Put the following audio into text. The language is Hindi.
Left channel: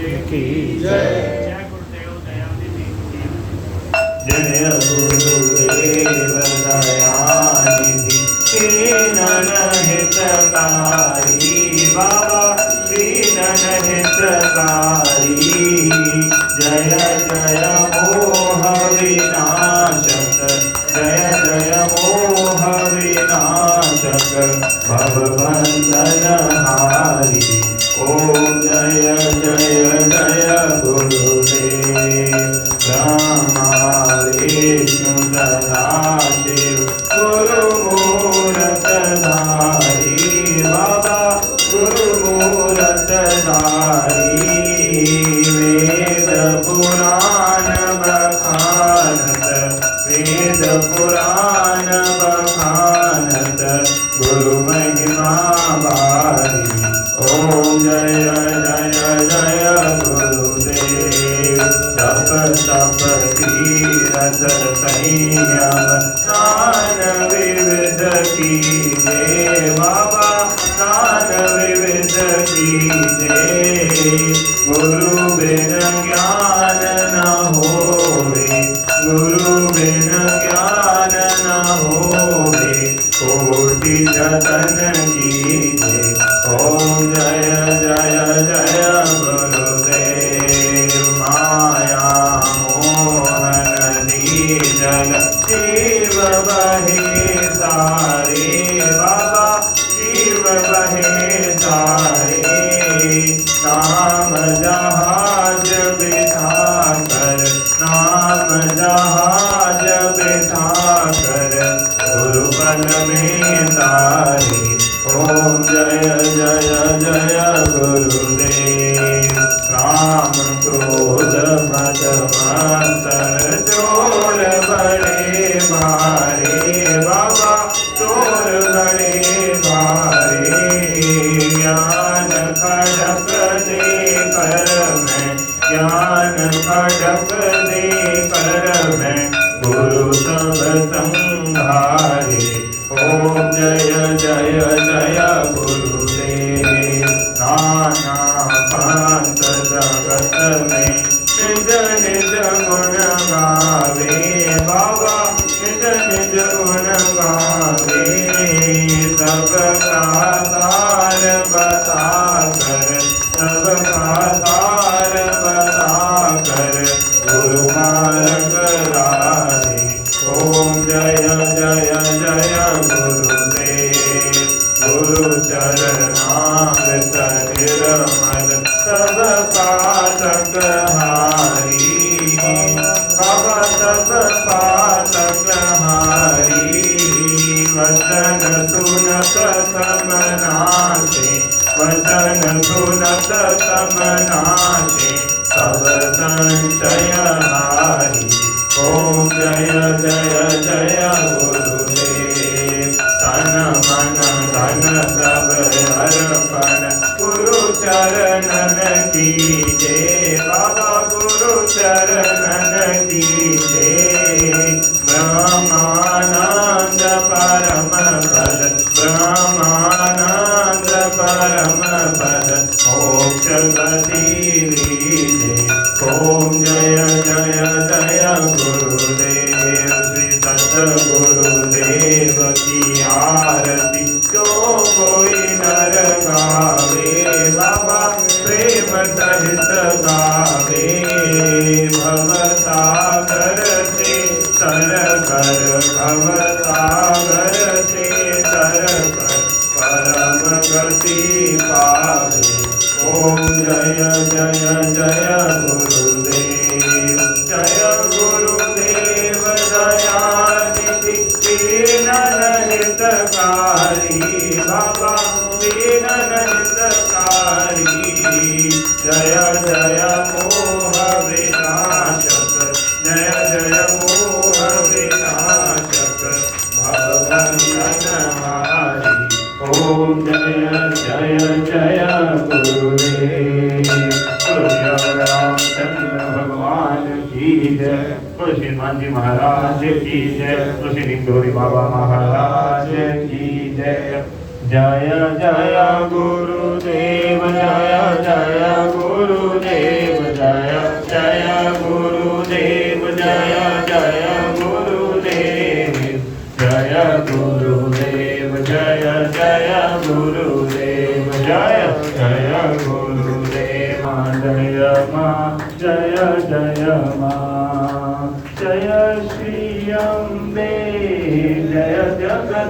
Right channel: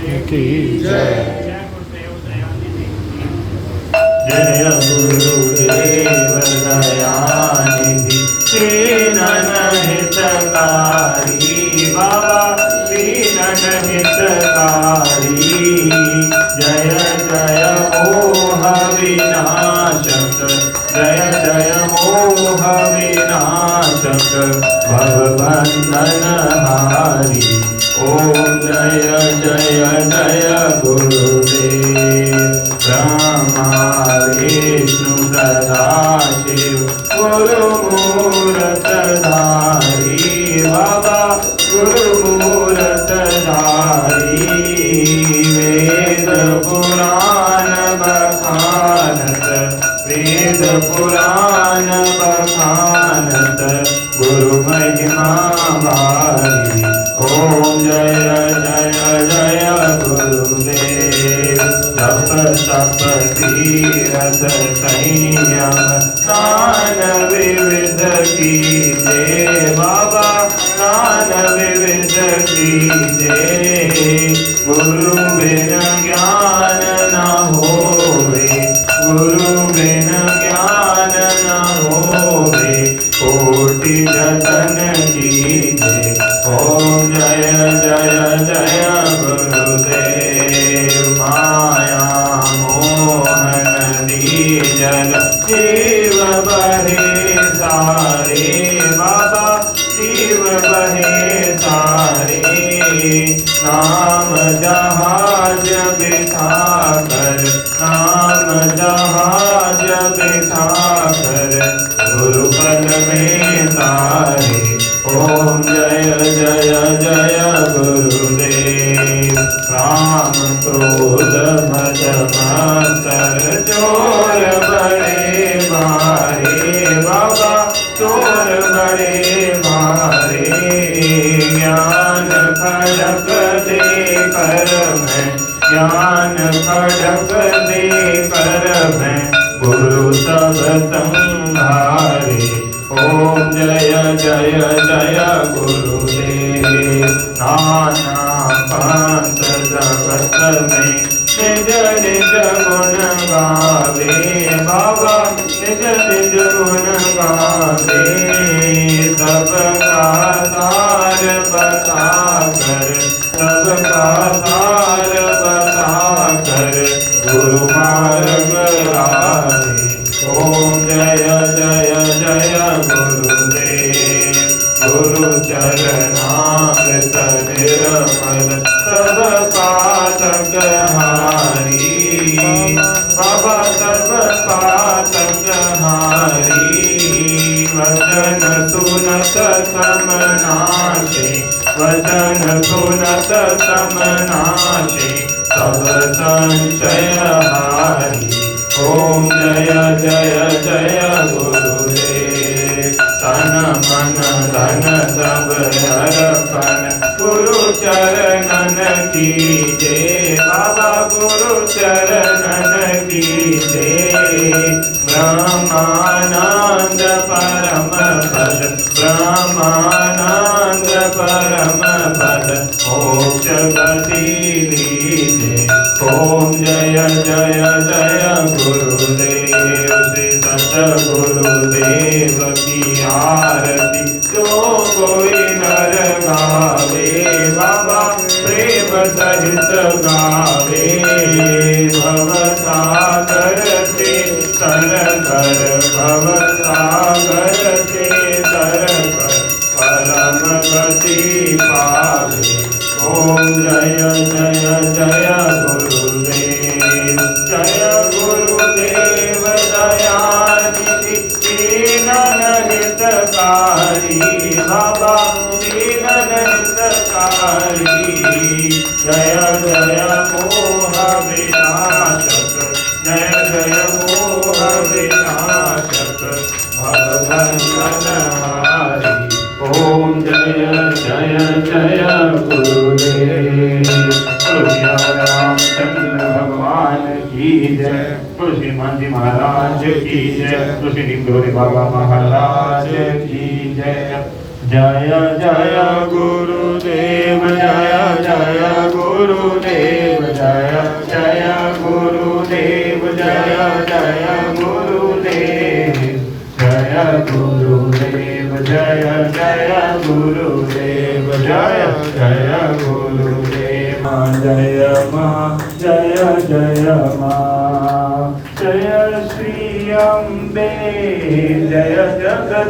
की जय। जय गुरुदेव दयानिधि दीनन हितकारी बाबा दीनन हितकारी। जय जय मोह विनाशक जय जय मोह विनाशक भवबंधन हारी। ओम जय जय जय गुरुदेव ब्रह्मा विष्णु सदाशिव गुरुमूर्त धारी बाबा गुरुमूर्त धारी। वेद पुराण बखानत वेद पुराण बखानत गुरु महिमा बारी। ओम जय जय जय गुरुदेव जप तप तीरथ संयम दान विविध कीजे बाबा दान विविध कीजे। गुरु बिन ज्ञान न होवे गुरु बिन ज्ञान न होवे कोटि जतन कीजे। ओम जय जय जय गुरुदेव माया मोहन दीजल जीव बहे सारे बाबा जीव बहे सारे। नाम जहाज बिठा कर नाम जहाज बिठा कर गुरुपद में तारे। ओम जय जय जय गुरुदेव राम क्रोध मद मत्सर चोर बड़े भारे बाबा चोर बड़े भारे। ज्ञान खड़क दे कर मैं ज्ञान खड़क दे कर मैं गुरु सब संहारे। ओम जय जय जय गुरुदेव नाना पंथ जगत में निज निज गुण गावे बाबा निज निज गुण गावे। सबका सार बता कर सबका सार बता कर गुरु मार्ग लावे। ओम जय जय जय गुरुदेव गुरु चरणामृत निर्मल सब पातक हारी बाबा सब पातक हारी। वचन सुनत समनाशे वचन सुनत समनाशे सब संशय हारी। ओम जय जय जय गुरुदेव तन मन धन सब अर्पण गुरु चरणन कीजे बाबा गुरु चरणन कीजे। ब्रह्मानंद परम पद ब्रह्मानंद परम पद मोक्ष गति लीजे। ओम जय जय जय गुरुदेव श्री सतगुरुदेव की आरती जो कोई नर गावे बाबा प्रेम सहित गावे। भवसागर से तर कर भवसागर से तर कर परम गति पावे। ओम जय जय जय गुरुदेव जय गुरुदेव दयानिधि दीनन हितकारी बाबा दीनन हितकारी। जय जय मोह विनाशक जय जय मोह विनाशक भगवंतन हारी। ओम जय जय जय गुरुदेव रामचंद्र भगवान की जय। तुलसी हनुमान जी महाराज की जय। तुलसी निगोरी बाबा महाराज की जय। जय जय गुरुदेव जय जय गुरु ગુરુદેવ જય જય ગુરુદેવ જય જય ગુરુદેવ જય ગુરુદેવ જય જય ગુરુદેવ જય જય ગુરુદેવ જય મા જય જય મા જય શ્રી અંબે જય જગત